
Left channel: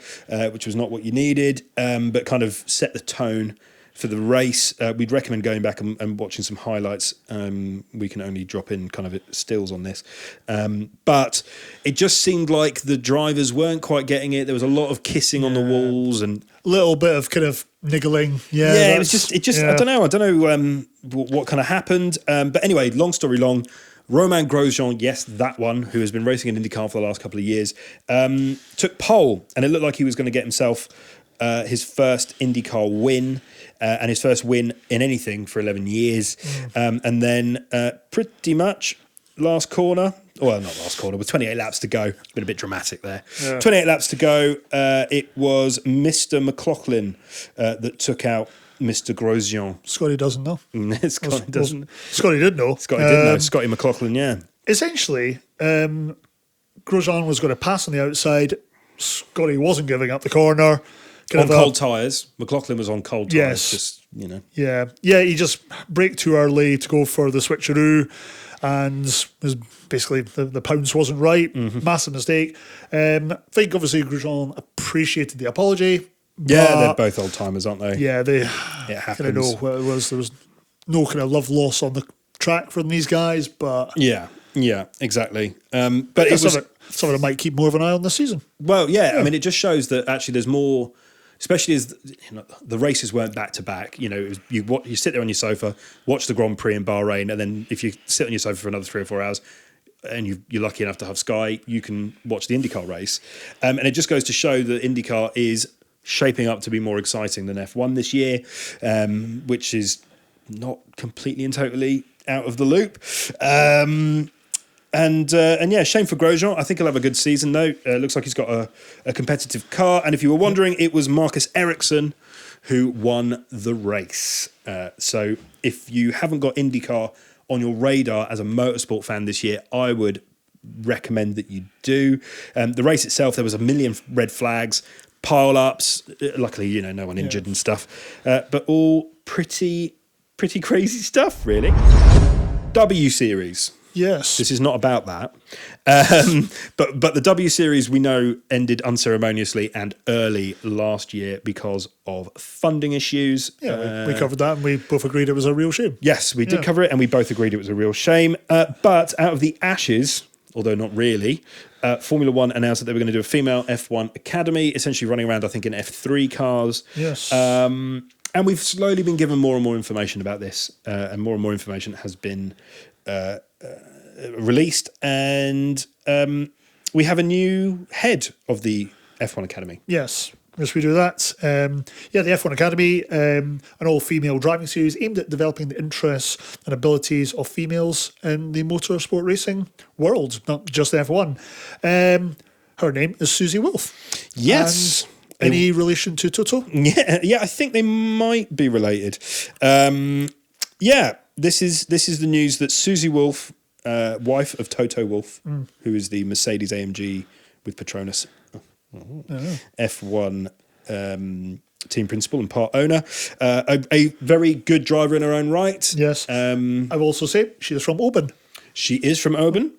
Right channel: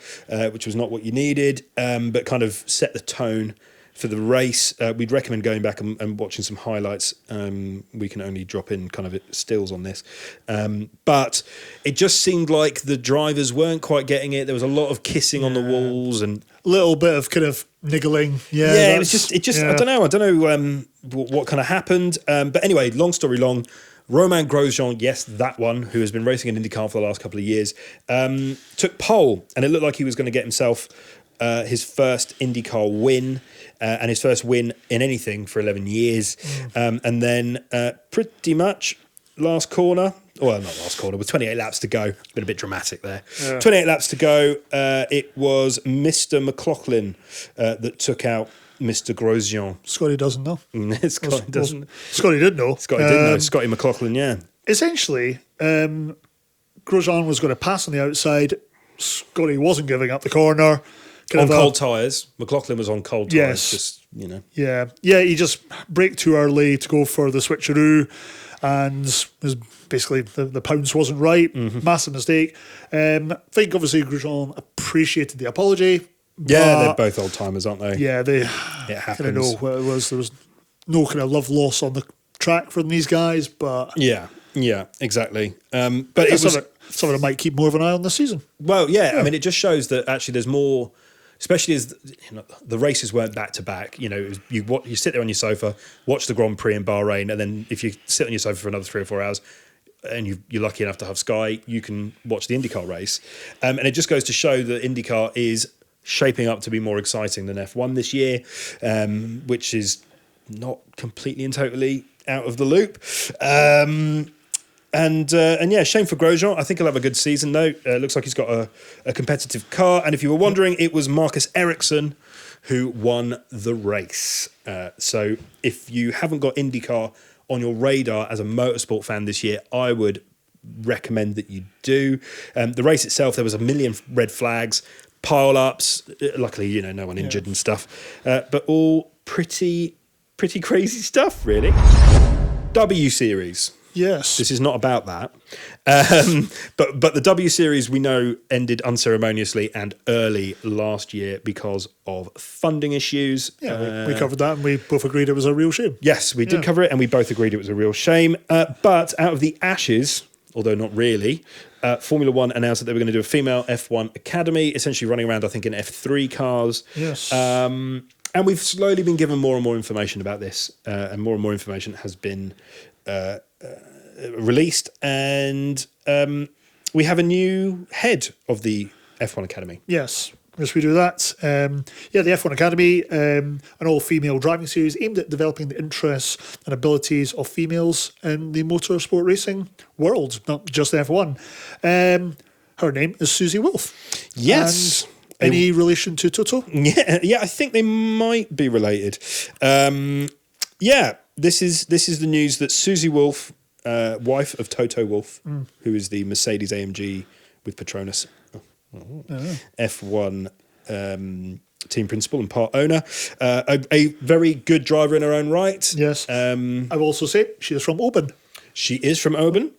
which was not what you needed, but kind of set the tone for the race. We'd recommend going back and watching some highlights. We can only drop in kind of stills on this. But it just seemed like the drivers weren't quite getting it. There was a lot of kissing on the walls and A little bit of kind of niggling. Yeah, it just. I don't know what kind of happened. But anyway, long story long, Romain Grosjean, yes, that one, who has been racing in IndyCar for the last couple of years, took pole, and it looked like he was going to get himself his first IndyCar win and his first win in anything for 11 years. And then pretty much last corner, well, not last corner, with 28 laps to go. It's been a bit dramatic there. Yeah. 28 laps to go. It was Mr. McLaughlin that took out Mr. Grosjean. Scotty doesn't know. Scotty doesn't. Scotty did know. Scotty did know. Scotty McLaughlin, yeah. Essentially, Grosjean was going to pass on the outside. Scotty wasn't going up the corner. On cold tyres. McLaughlin was on cold tyres, just, you know. Yeah, he just braked too early, go for the switcheroo, and basically the pounce wasn't right. Massive mistake. I think obviously Grosjean appreciated the apology. Yeah, they're both old timers, aren't they? Yeah, it happens. There's no kind of love lost on the track from these guys, but yeah, exactly. But it was. So it might keep more of an eye on this season. Well, yeah, I mean, it just shows that actually there's more. Especially as the races weren't back to back, you sit there on your sofa, watch the Grand Prix in Bahrain, and then if you sit on your sofa for another 3 or 4 hours, and you're lucky enough to have Sky, you can watch the IndyCar race, and it just goes to show that IndyCar is shaping up to be more exciting than F1 this year, which is not completely and totally out of the loop. And yeah, shame for Grosjean. I think he'll have a good season, though. Looks like he's got a competitive car. And if you were wondering, it was Marcus Ericsson who won the race. So if you haven't got IndyCar on your radar as a motorsport fan this year, I would recommend that you do. The race itself, there was a million red flags, pile-ups. Luckily, no one injured and stuff. But all pretty crazy stuff, really. W Series. Yes. This is not about that. But the W Series, we know, ended unceremoniously and early last year because of funding issues. Yes, we did cover it, and we both agreed it was a real shame. But out of the ashes, although not really, Formula One announced that they were going to do a female F1 academy, essentially running around, I think, in F3 cars. Yes. And we've slowly been given more and more information about this, and more information has been released, and we have a new head of the F1 Academy. Yes, let's do that. The F1 Academy, an all-female driving series aimed at developing the interests and abilities of females in the motorsport racing world, not just F1. Her name is Susie Wolf. Yes. In relation to Toto? Yeah, I think they might be related. This is the news that Susie Wolf, wife of Toto Wolff, who is the Mercedes AMG with Petronas F1 team principal and part owner, a very good driver in her own right. Yes. I will also say she is from Oban. She is from Oban.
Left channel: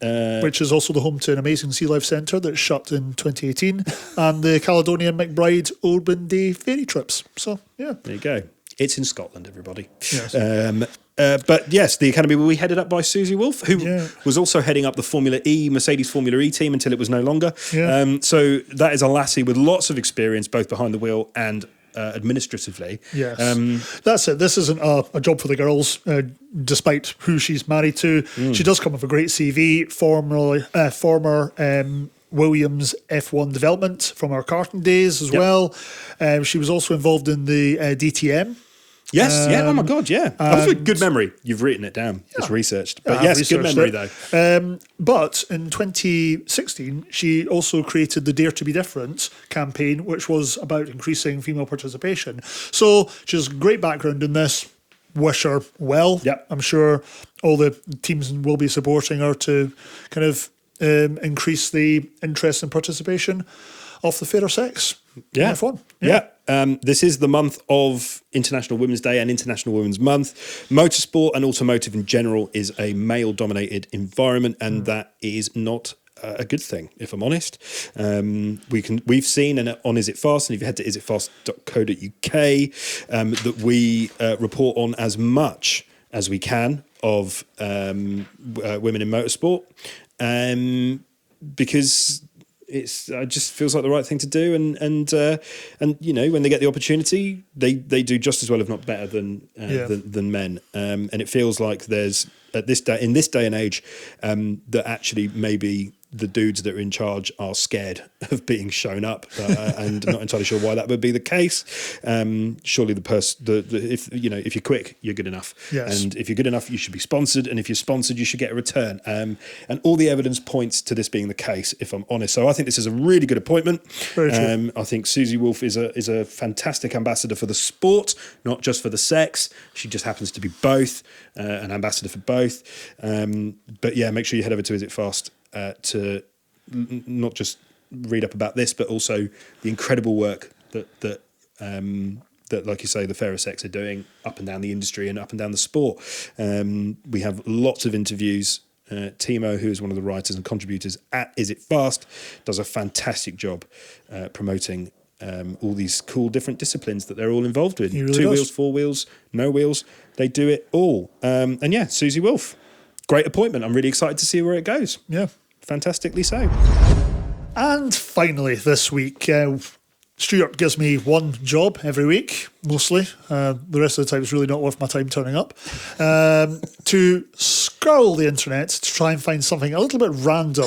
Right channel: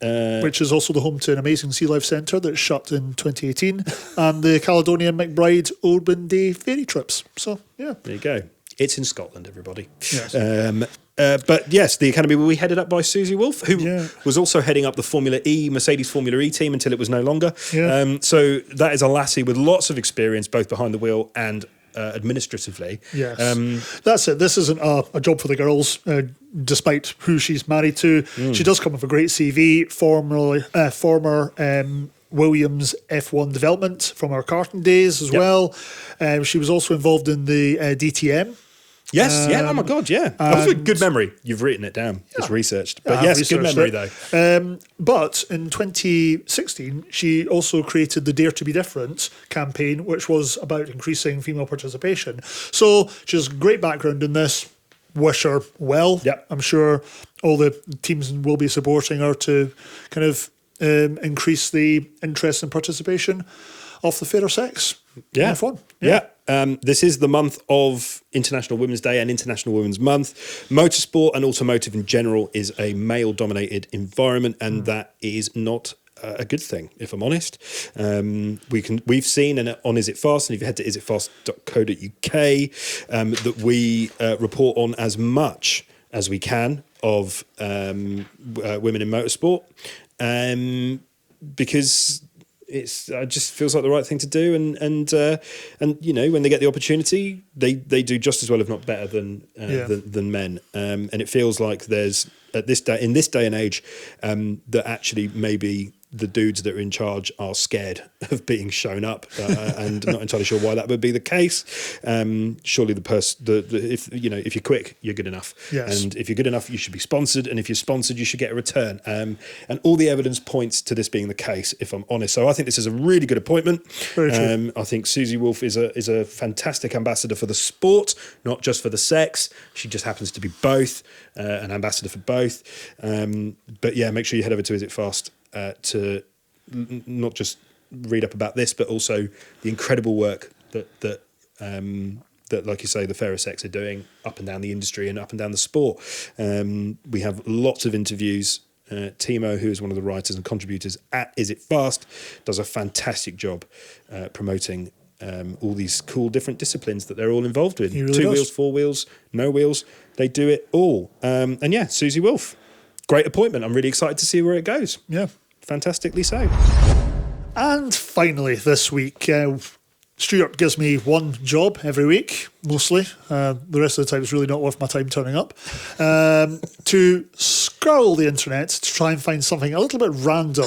Which is also the home to an amazing sea life centre that shut in 2018, and the Caledonian McBride Oban Day ferry trips. So, yeah. There you go. It's in Scotland, everybody. But yes, the academy will be headed up by Susie Wolf, who was also heading up the Mercedes Formula E team until it was no longer. Yeah. So that is a lassie with lots of experience, both behind the wheel and administratively. Yeah. That's it. This isn't a job for the girls, despite who she's married to. She does come with a great CV, former Williams F1 development from our karting days as well. She was also involved in the DTM Yes, yeah. Oh my God, yeah. That was a good memory. You've written it down. It's researched. But yes, good memory though. But in 2016, she also created the Dare to Be Different campaign, which was about increasing female participation. So she has great background in this. Wish her well. Yep. I'm sure all the teams will be supporting her to kind of increase the interest and participation of the fair sex. Yeah. Yeah. This is the month of International Women's Day and International Women's Month. Motorsport and automotive in general is a male-dominated environment, and that is not a good thing, if I'm honest. We've seen, and on Is It Fast, and if you head to isitfast.co.uk, that we report on as much as we can of women in motorsport, because it just feels like the right thing to do, and you know, when they get the opportunity, they do just as well, if not better, than men. And it feels like there's in this day and age that actually maybe the dudes that are in charge are scared of being shown up, and not entirely sure why that would be the case. Surely if you're quick, you're good enough, and if you're good enough, you should be sponsored, and if you're sponsored, you should get a return. And all the evidence points to this being the case, if I'm honest. So I think this is a really good appointment. I think Susie Wolff is a fantastic ambassador for the sport, not just for the sex. She just happens to be both, an ambassador for both. But yeah, make sure you head over to Is It Fast to not just read up about this, but also the incredible work that like you say, the fairer sex are doing up and down the industry and up and down the sport. We have lots of interviews. Timo, who is one of the writers and contributors at Is It Fast, does a fantastic job promoting all these cool different disciplines that they're all involved in. 2 wheels, 4 wheels, no wheels. They do it all. And yeah, Susie Wolff, great appointment. I'm really excited to see where it goes. Yeah. Fantastically so. And finally, this week, Stuart gives me one job every week, mostly. The rest of the time it's really not worth my time turning up. To scroll the internet to try and find something a little bit random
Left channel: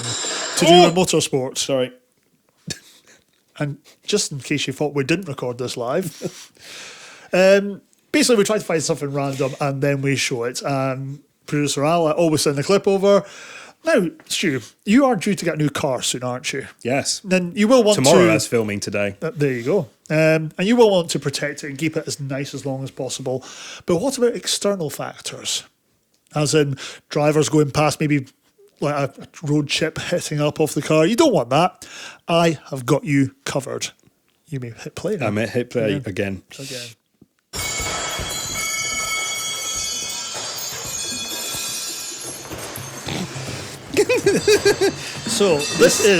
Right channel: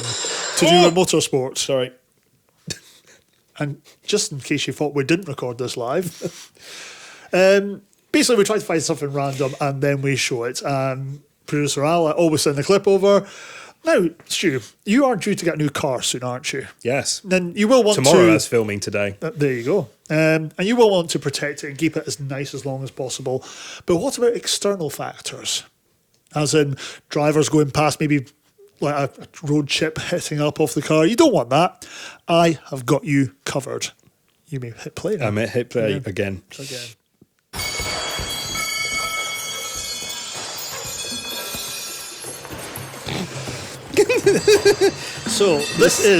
in motorsport. Sorry. And just in case you thought we didn't record this live, basically we try to find something random and then we show it. Producer Al always send the clip over. Now, Stu, you are due to get a new car soon, aren't you? Yes. And you will tomorrow, as filming today. There you go. And you will want to protect it and keep it as nice as long as possible. But what about external factors? As in drivers going past, maybe like a road chip hitting up off the car. You don't want that. I have got you covered. I'm at hit play again. This.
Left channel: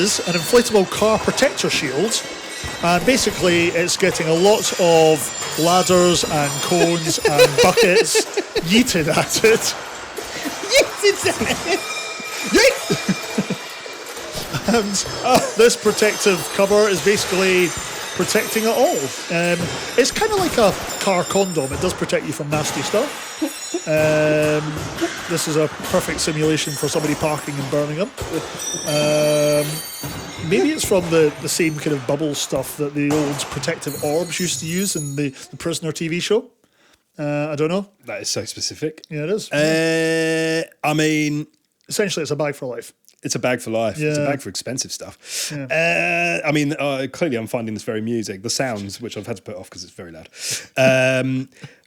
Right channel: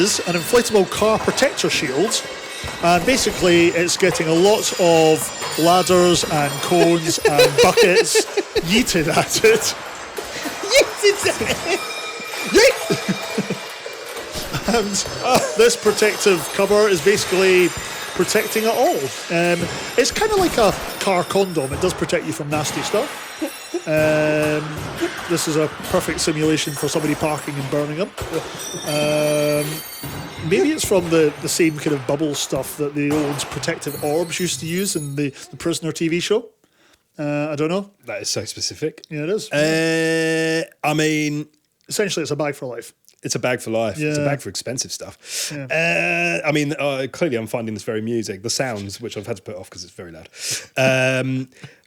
I don't know. That is so specific. Yeah, it is. I mean, essentially, it's a bag for life. It's a bag for life. Yeah. It's a bag for expensive stuff. Yeah. I mean, clearly I'm finding this very amusing. The sounds, which I've had to put off because it's very loud.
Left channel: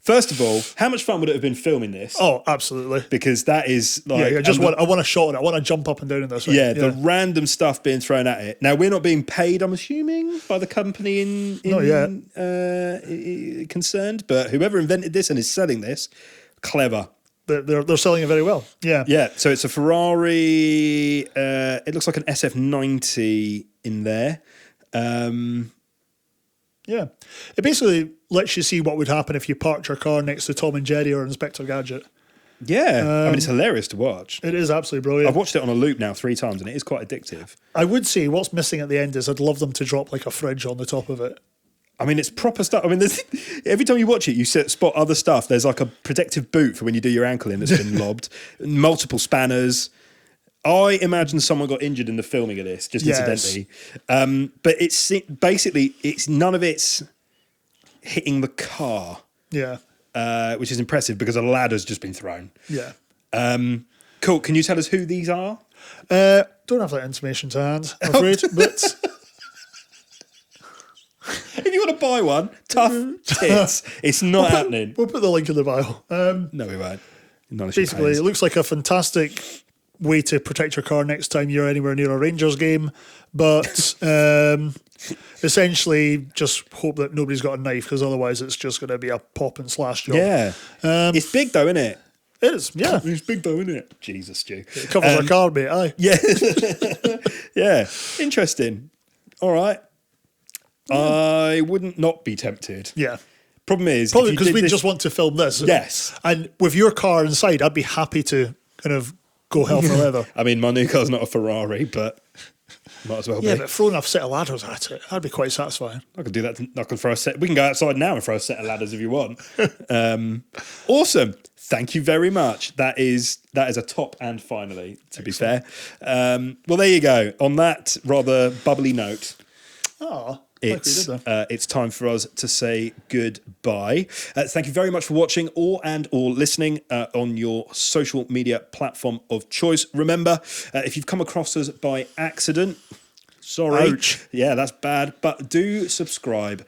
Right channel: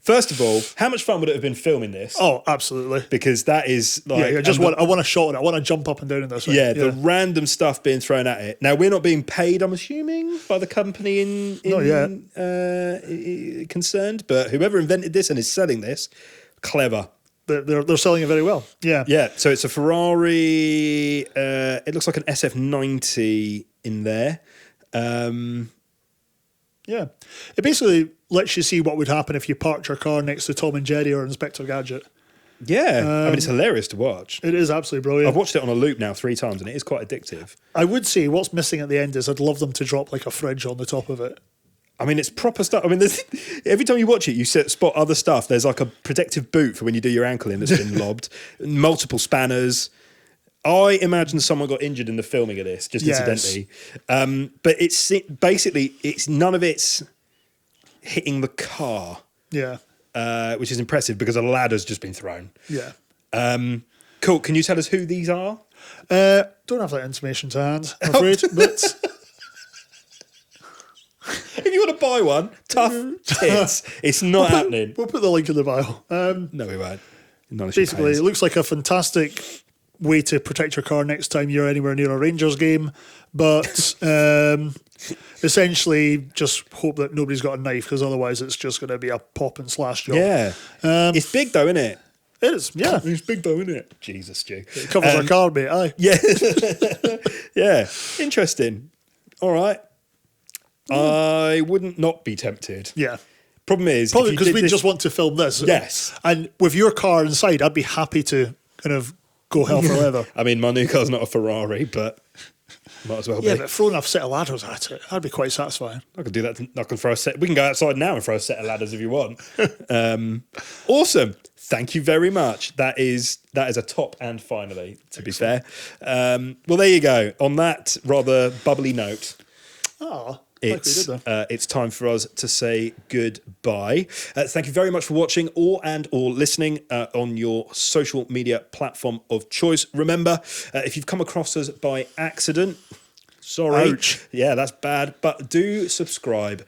First of all, how much fun would it have been filming this? Oh, absolutely. Because that is like... I want to shot it. I want to jump up and down it. Yeah, the random stuff being thrown at it. Now, we're not being paid, I'm assuming, by the company concerned, but whoever invented this and is selling this, clever. They're selling it very well. Yeah. Yeah, so it's a Ferrari. It looks like an SF90 in there. Yeah. It basically lets you see what would happen if you parked your car next to Tom and Jerry or Inspector Gadget. Yeah, I mean, it's hilarious to watch. It is absolutely brilliant. I've watched it on a loop now 3 times, and it is quite addictive. I would say what's missing at the end is I'd love them to drop like a fridge on the top of it. I mean, it's proper stuff. I mean, every time you watch it, you spot other stuff. There's like a protective boot for when you do your ankle in that's been lobbed, multiple spanners. I imagine someone got injured in the filming of this, just incidentally. But it's basically, none of it's hitting the car. Yeah. which is impressive because a ladder's just been thrown. Yeah. Cool. Can you tell us who these are? Don't have that information to hand. If you want to buy one, tough tits. It's not happening. We'll put the link in the bio. No, we won't. Not unless you pay us. It looks like a fantastic way to protect your car next time you're anywhere near a Rangers game. But essentially, just hope that nobody's got a knife, because otherwise it's just going to be a pop and slash. Yeah. It's big though, isn't it? It is, yeah. It's big though, isn't it? Jesus, Stu. Yeah. Yeah. Yeah. Interesting. All right. I wouldn't not be tempted. Yeah. Problem is, if you did this... just want to film this. Yes. And with your car inside, I'd be happy to kind of... I mean, my new car's not a Ferrari, but might as well be. I'd be quite satisfied. I could do that. I can throw a set. We can go outside now and throw a set of ladders if you want. Awesome. Thank you very much. That is a top and finally, to be fair. Well, there you go. On that rather bubbly note, it's time for us to say goodbye. Thank you very much for watching or listening on your social media platform of choice. Remember, if you've come across us by accident, sorry, yeah, that's bad, but do subscribe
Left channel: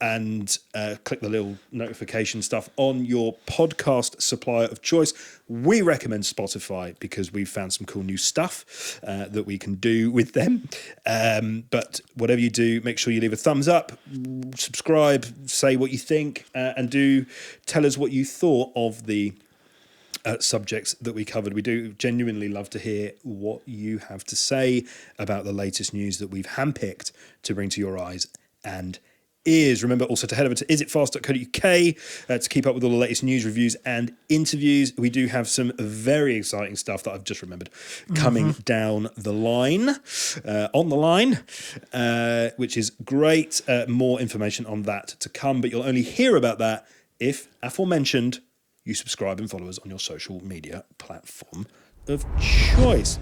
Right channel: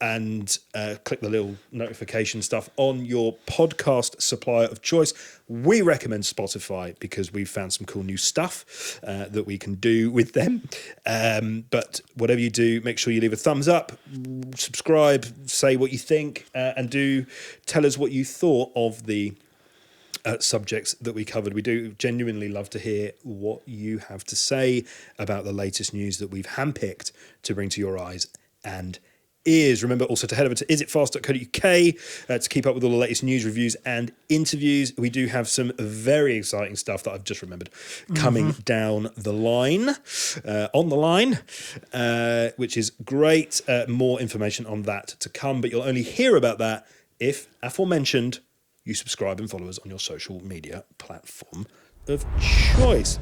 and click the little notification stuff on your podcast supplier of choice. We recommend Spotify because we've found some cool new stuff that we can do with them. But whatever you do, make sure you leave a thumbs up, subscribe, say what you think, and do tell us what you thought of the subjects that we covered. We do genuinely love to hear what you have to say about the latest news that we've handpicked to bring to your eyes and ears. Remember also to head over to isitfast.co.uk to keep up with all the latest news, reviews and interviews. We do have some very exciting stuff that I've just remembered coming down the line, on the line, which is great. More information on that to come, but you'll only hear about that if, aforementioned, you subscribe and follow us on your social media platform of choice.